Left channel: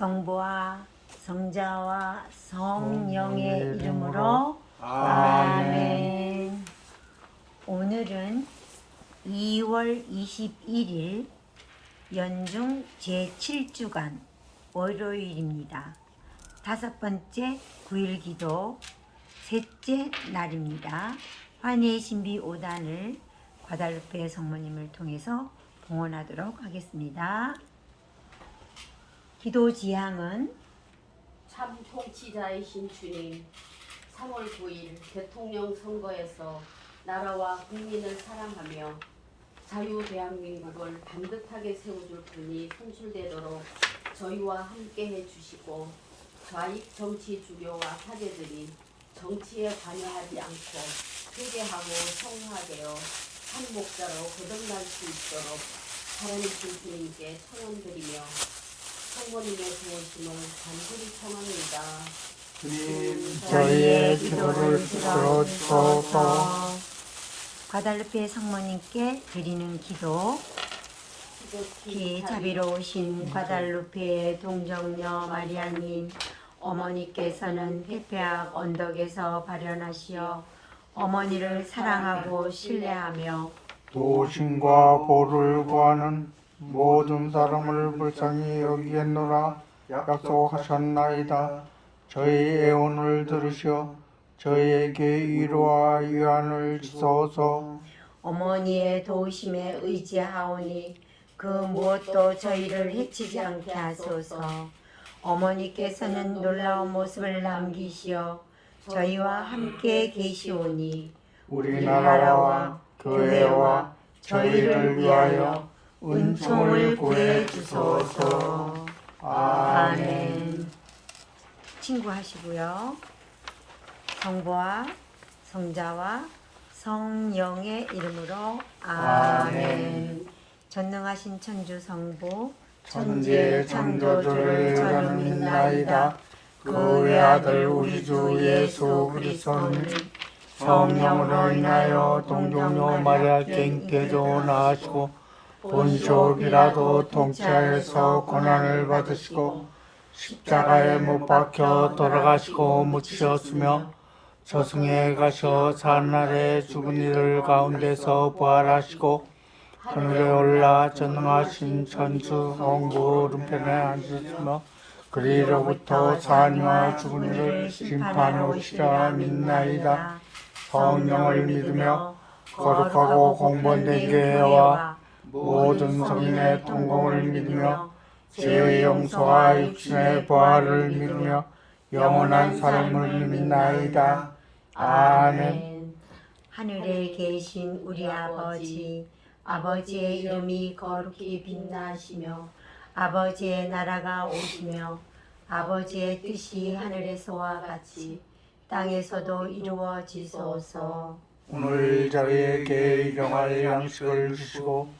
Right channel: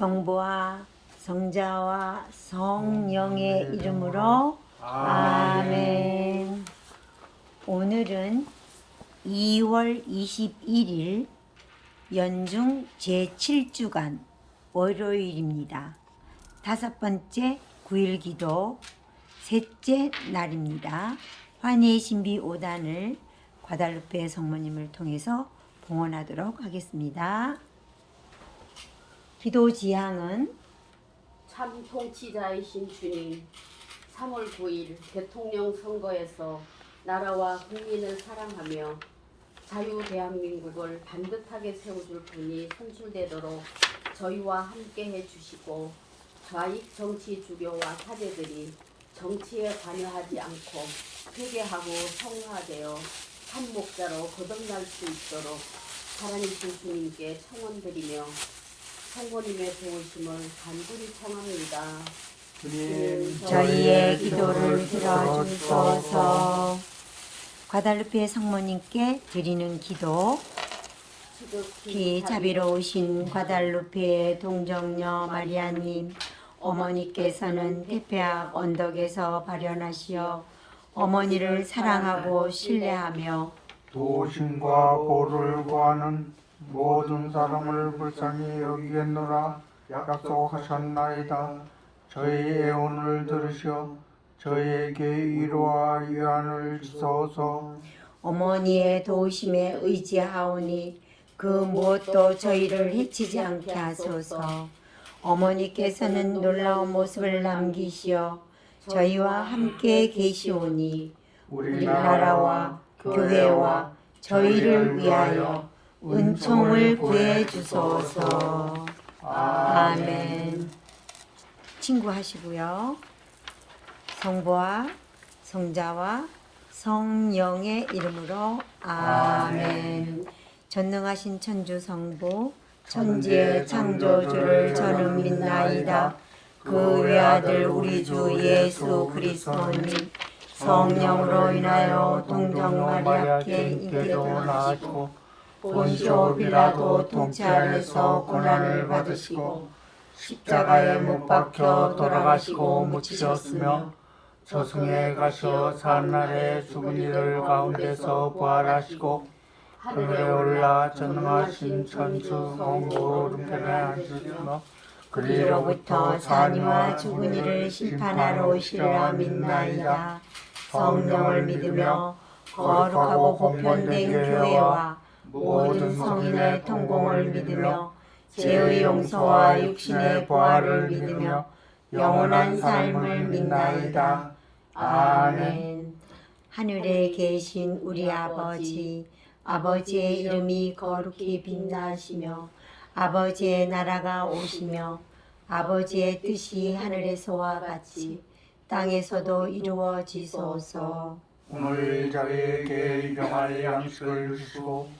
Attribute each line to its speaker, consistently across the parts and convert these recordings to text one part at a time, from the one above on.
Speaker 1: 성부와 성자와 성령의 이름으로 아멘. 오늘은 2월 21일 연중 제7주간 월요일입니다. 다섯 번째 구일기도 셋째 날입니다. 환희의 신비 5단을 바다르페 성모님을 통해서 봉헌하도록 하겠습니다. 기도 지향은
Speaker 2: 참 통치자이신 주님, 3월 9일 대통령 선거에서 나라와 국민을 사랑하며 자유 대한민국을 반듯하게 세워줄 분이 선출되도록 저희와 함께 해 주시고 좌익 정치 주교와 사제들이 정치에 관여하지 않고 회개하고 성화되어 한 목자로 거듭날 수 있도록 하나님신 주님께 청원드리며 성모님의 도우심을 간절히 청합니다.
Speaker 3: 주님
Speaker 1: 저희의 기도를 들어주소서. 과달루페 성모님께 드리는 기도. 기 자비로우신 과달루페 동정녀 마리아님, 어머니께서는 테페악 언덕에서 발현하시어 어머니를 사랑하고 신뢰하며
Speaker 3: 도심과 보를 구하는 모든 사람을 불쌍히 여기겠노라 약속하셨나이다 저희 애원을 들으셔 저희에게 위로와 위안을 주소서
Speaker 1: 어머니의 도우심에 의지하오니 그 무엇도 저희를 해치지 않게 하소서. 어머니께서는 놀라운 모습을 남기시어 저희와 함께 계시오니 우리나라와 교회와 저희를 위하여 은총을 구해 주소서. 아멘. 친구 하시고요. 성부와 성자와 성령의 이름으로 아멘. 전능하신 천주 성부 천지의 창조주를 저는 믿나이다. 그 외아들 우리 주 예수 그리스도는 성령으로 인하여 동정과 마리아께 인격으로 나시고 본쇼 비라도 통치하여서 고난을 받으시고 십자가에 못 박혀 돌아가시고 묻히셨으며 저승에 가셔 사날에 죽은 이들 가운데서 부활하시고 하늘에 올라 전능하신 천주 성부 오른편에 앉으시며 그리로부터 자녀와 죽은 이를 심판하러 오시리라 믿나이다. 성령을 믿으며 거룩하고 공본된 교회와 모든 성인의 통공을 믿으며 죄의 용서와 육신의 부활을 믿으며 영원한 삶을 믿나이다. 아멘. 하늘에 계신 우리 아버지, 아버지의 이름이 거룩히 빛나시며 아버지의 나라가 오시며 아버지의 뜻이 하늘에서와 같이 땅에서도 이루어지소서.
Speaker 3: 오늘 저희에게 일용할 양식을 주시고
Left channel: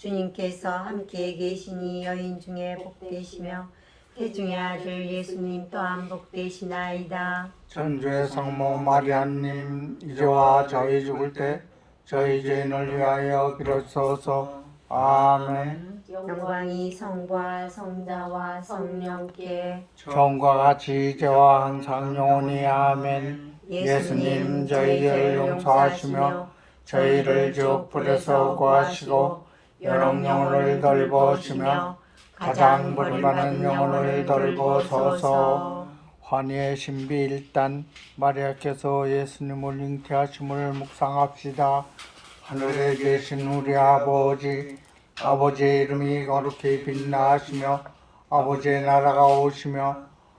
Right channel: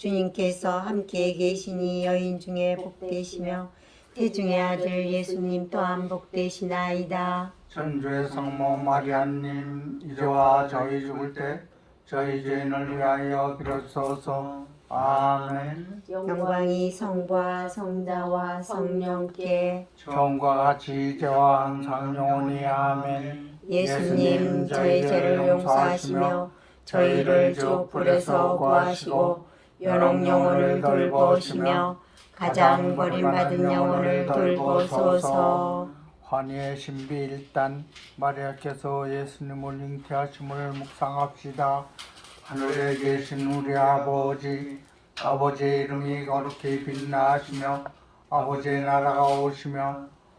Speaker 1: 주님께서 함께 계시니 여인 중에 복되시며 태중의 아들 예수님 또한 복되시나이다.
Speaker 3: 천주의 성모 마리아님 이제와 저희 죽을 때 저희 죄인을 위하여 비로소서. 아멘.
Speaker 1: 영광이 성부와 성자와 성령께
Speaker 3: 처음과 같이 이제와 항상 영원히 아멘.
Speaker 1: 예수님 저희 죄를 용서하시며 저희를 지옥불에서 구하시고 연옥 영혼을 돌보시며 가장 버림받은 영혼을 돌보소서
Speaker 3: 환희의 신비 일단 마리아께서 예수님을 잉태하심을 묵상합시다. 하늘에 계신 우리 아버지 아버지의 이름이 거룩히 빛나시며 아버지의 나라가 오시며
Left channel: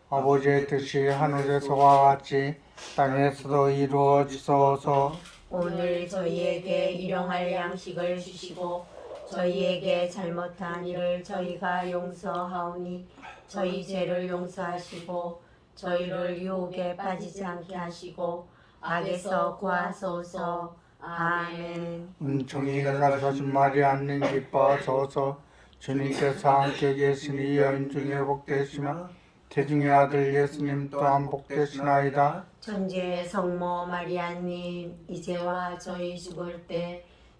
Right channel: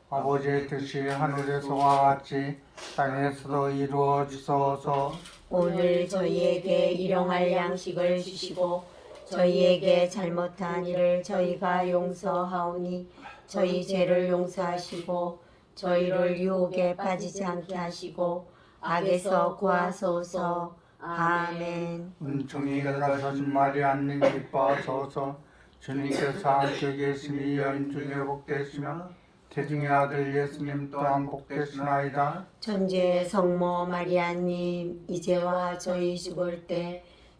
Speaker 3: 아버지의 뜻이 하늘에서와 같이 땅에서도 이루어지소서
Speaker 1: 오늘 저희에게 일용할 양식을 주시고 저희에게 잘못한 일을 저희가 용서하오니 저희 죄를 용서하시고 저희를 유혹에 빠지지 않게 하시고 악에서 구하소서. 아멘.
Speaker 3: 은총이 가득하신 마리아님 기뻐하소서. 주님께서 함께 계시니 여인 중에 복되시며 태중의 아들 예수님 또한 복되시나이다.
Speaker 1: 천주의 성모 마리아님 이제와 저희 죽을 때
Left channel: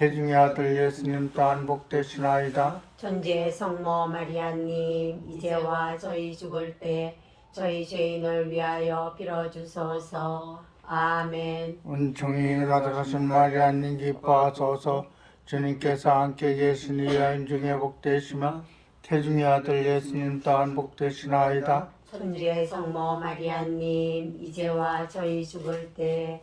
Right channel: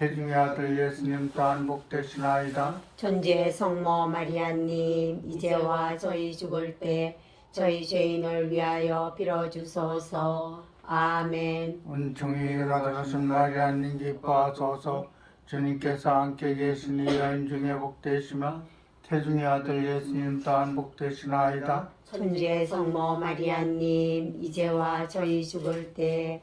Speaker 3: 태중의 아들 예수님 또한 복되시나이다.
Speaker 1: 천주의 성모 마리아님 이제와 저희 죽을 때 저희 죄인을 위하여 빌어주소서. 아멘.
Speaker 3: 은총이 가득하신 마리아님 기뻐하소서. 주님께서 함께 계시니 여인 중에 복되시며 태중의 아들 예수님 또한 복되시나이다.
Speaker 1: 천주의 성모 마리아님 이제와 저희 죽을 때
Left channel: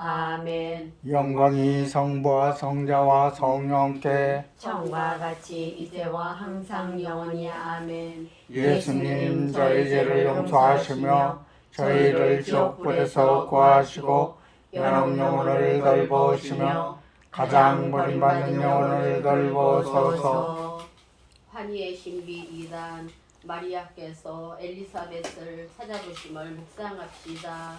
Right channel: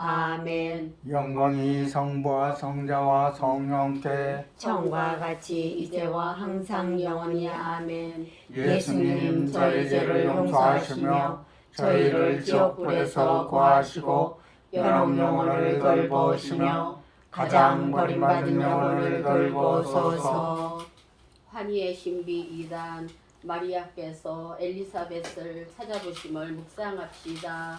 Speaker 1: 아멘.
Speaker 3: 영광이 성부와 성자와 성령께
Speaker 1: 처음과 같이 이제와 항상 영원히 아멘.
Speaker 3: 예수님 저희 죄를 용서하시며 저희를 지옥불에서 구하시고 영혼을 돌보시며 가장 버림받은 영혼을 돌보소서
Speaker 2: 환희의 신비 2단 마리아께서 엘리사벳을 찾아보심을 묵상합시다.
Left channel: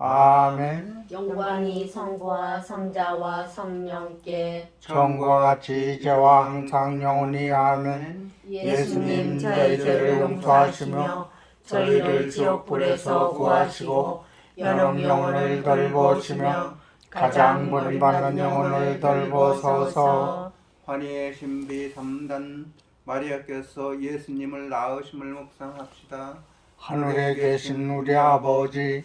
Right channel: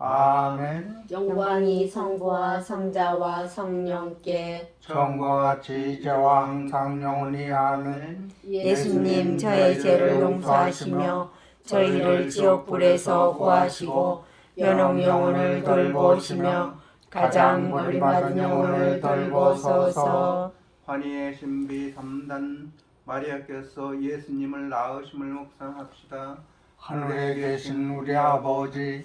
Speaker 3: 아멘.
Speaker 1: 영광이 성부와 성자와 성령께
Speaker 3: 처음과 같이 이제와 항상 영원히 아멘.
Speaker 1: 예수님 저의 죄를 용서하시며 저희를 지옥 불에서 구하시고 연옥 영혼을 돌보시며 가장 버림받은 영혼을 돌보소서.
Speaker 4: 환희의 신비 3단 마리아께서 예수님을 낳으심을 묵상합시다.
Speaker 3: 하늘에 계신 우리 아버지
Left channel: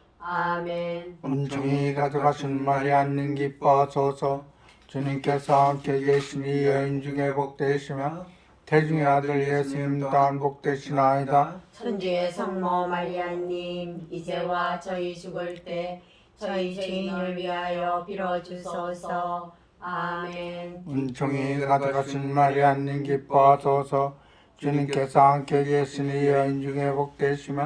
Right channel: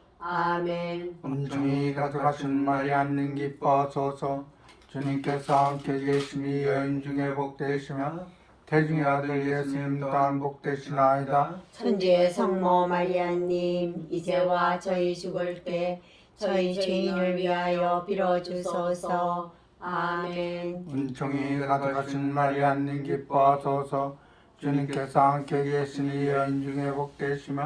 Speaker 1: 아멘.
Speaker 3: 은총이 가져가신 마리아님 기뻐하소서. 주님께서 함께 계시니 여인 중에 복되시며 태중의 아들 예수님 또한 복되시나이다.
Speaker 1: 천주의 성모 마리아님 이제와 저희 죽을 때 저희 죄인을 위하여 빌어주소서. 아멘.
Speaker 3: 은총이 가져가신 마리아님 기뻐하소서. 주님께서 함께 계시니 여인 중에 복되시며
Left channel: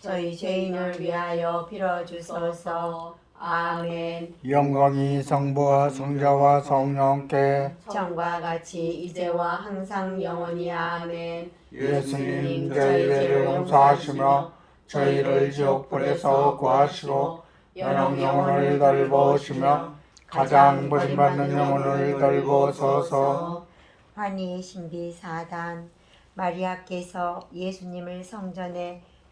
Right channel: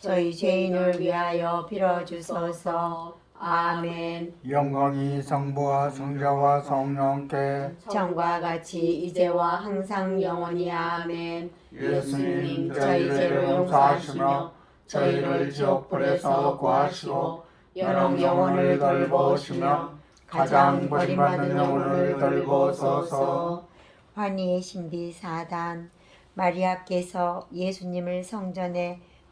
Speaker 1: 저희 죄인을 위하여 빌어주소서. 아멘.
Speaker 3: 영광이 성부와 성자와 성령께
Speaker 1: 정과 같이 이제와 항상 영원히 아멘.
Speaker 3: 예수님 저희를 용서하시며 저희를 지옥불에서 구하시고 여러 영혼을 돌보시며 가장 버림받는 영혼을 돌보소서.
Speaker 5: 환희의 신비 4단 마리아께서 예수님을 성전에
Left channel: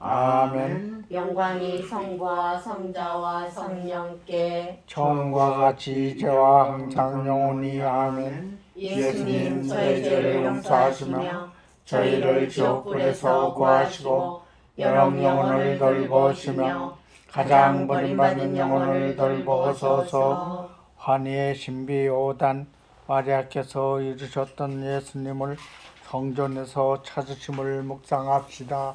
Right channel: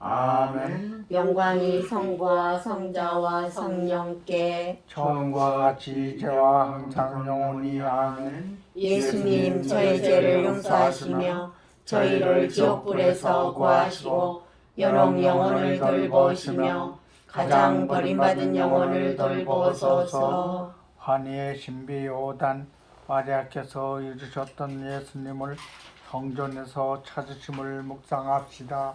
Speaker 3: 아멘.
Speaker 1: 영광이 성부와 성자와 성령께
Speaker 3: 처음과 같이 이제와 항상 영원히 아멘.
Speaker 1: 예수님 저희 죄를 용서하시며 저희를 지옥불에서 구하시고 여러 영혼을 돌보시며 가장 버림받은 영혼을 돌보소서.
Speaker 3: 환희의 신비 5단 마리아께서 이루셨던 예수님을 성전에서 찾으심을 묵상합시다.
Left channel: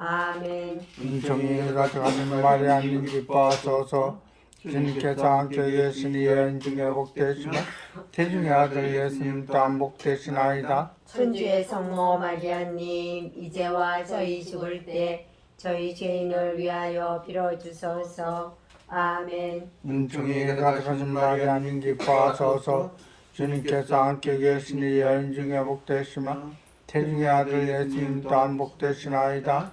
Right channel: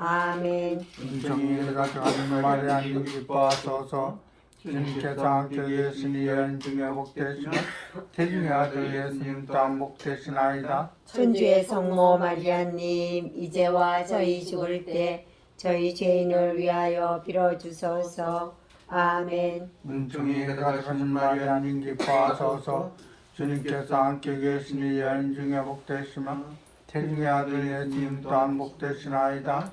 Speaker 1: 아멘.
Speaker 3: 은총이 가득하신 마리아님 기뻐하소서 주님께서 함께 계시니 여인 중에 복되시며 태중의 아들 예수님 또한 복되시나이다.
Speaker 1: 천주의 성모 마리아님 이제와 저희 죽을 때 저희 죄인을 위하여 빌어주소서. 아멘.
Speaker 3: 은총이 가득하신 마리아님 기뻐하소서 주님께서 함께 계시니 여인 중에 복되시며 태중의 아들 예수님 또한 복되시나이다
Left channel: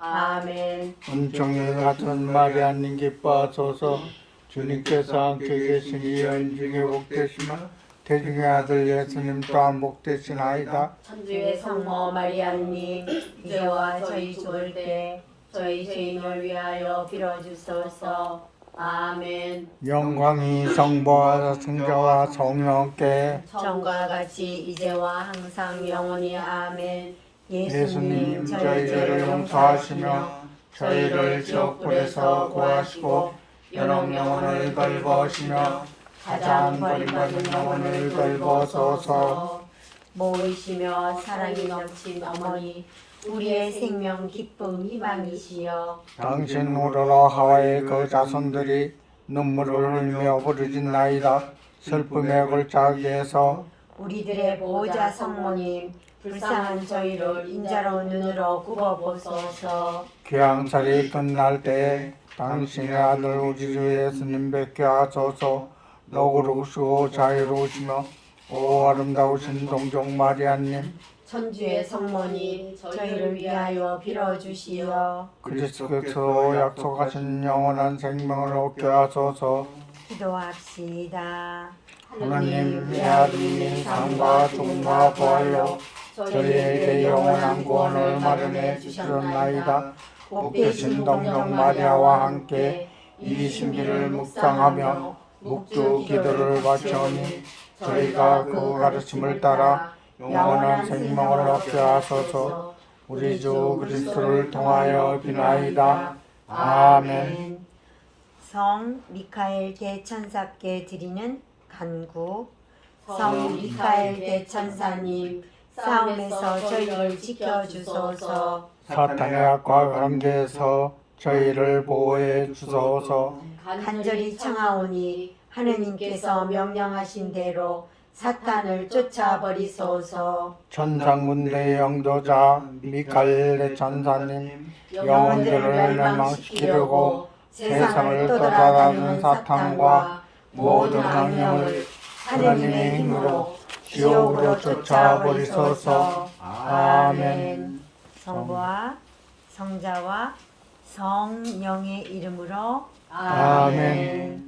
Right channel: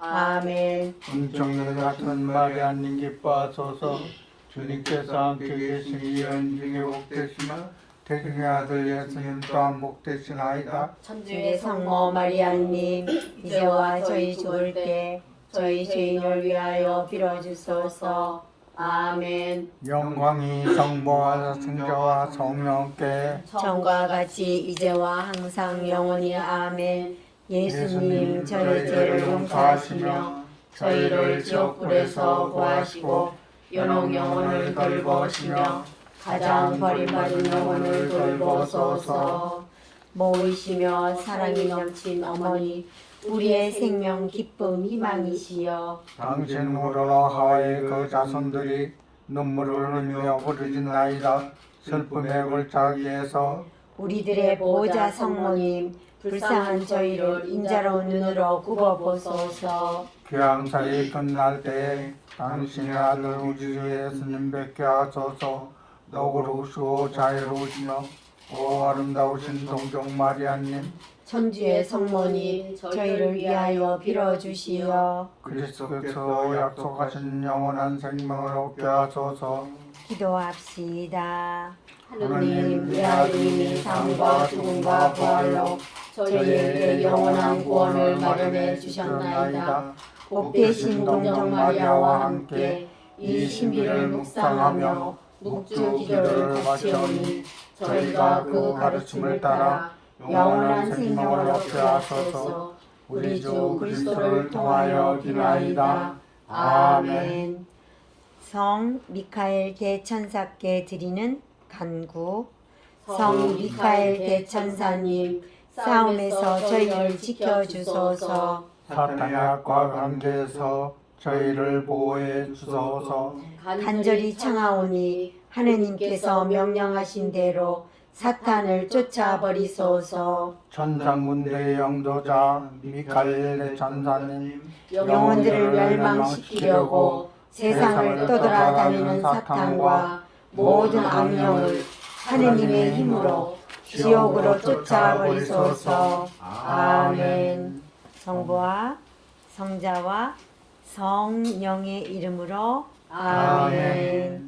Speaker 1: 아멘.
Speaker 3: 은총이 같은 마리아님 기뻐하소서 주님께서 함께 계시니 여인 중에 복되시며 태중의 아들 예수님 또한 복되시나이다.
Speaker 1: 천주의 성모 마리아님 이제와 저희 죽을 때 저희 죄인을 위하여 빌어주소서. 아멘.
Speaker 3: 영광이 성부와 성자와 성령께
Speaker 1: 전과 같이 이제와 항상 영원히 아멘 예수님
Speaker 3: 예수님
Speaker 1: 저희
Speaker 3: 저희를
Speaker 1: 죄를 용서하시며
Speaker 3: 저희를 지옥불에서 구하시고 연옥 영혼을 돌보시며 가장 버림받은 영혼을 돌보소서.
Speaker 1: 모이시며 사랑이 넘친 어머니 우리의 생명 기쁨 희망이시여.
Speaker 3: 당신 우러러 하와의 그 자손들이 눈물을 흘며 부르짖나이다. 슬픔의 골짜기에서
Speaker 1: 우리들의 보호자 성모님 불쌍한 저희를 인자로운 눈으로 굽어보소서.
Speaker 3: 귀양살이 끝날 때 당신의 아들 우리 주 예수님 뵙게 하소서. 너그러우시고 자유로우시며 오 아름다우신 동정 마리아님.
Speaker 1: 천주의 성모님 저희를 위하여 빌어주시어.
Speaker 3: 그리스도께서 약속하신 영원한 생명을 얻게 하소서.
Speaker 5: 기도합시다.
Speaker 3: 하나님 내 아들이 삶과 죽음과 부활로
Speaker 1: 저희에게 영원한 구원을 마련해 주셨나이다.
Speaker 3: 복되신 동정 마리아와 함께 이 신비를 묵상하며 묵주 기도를 바치오니 저희가 그 가르침을 따라 영원한 생명을 얻게 하소서. 우리 주 그리스도를 통하여 비나이다. 아멘.
Speaker 5: 성 미카엘 대천사께 드리는 간구.
Speaker 1: 성 미카엘 대천사님 싸움에서 저희를 지켜주소서
Speaker 3: 사탄의 악과 관계에서 저희를 보호해 주소서
Speaker 5: 간절히 청하오니 하느님께서 명령하신 대로 사탄을 쫓아버리소서.
Speaker 3: 천상군대 영도자 미카엘 천사님
Speaker 1: 영혼들을 멸망시키려고 세상을 떠돌아다니는 사탄과 모든 악령을 하느님의 힘으로 지옥으로 쫓아버리소서. 아멘.
Speaker 5: 성부와 성자와 성령의 이름으로.
Speaker 3: 아멘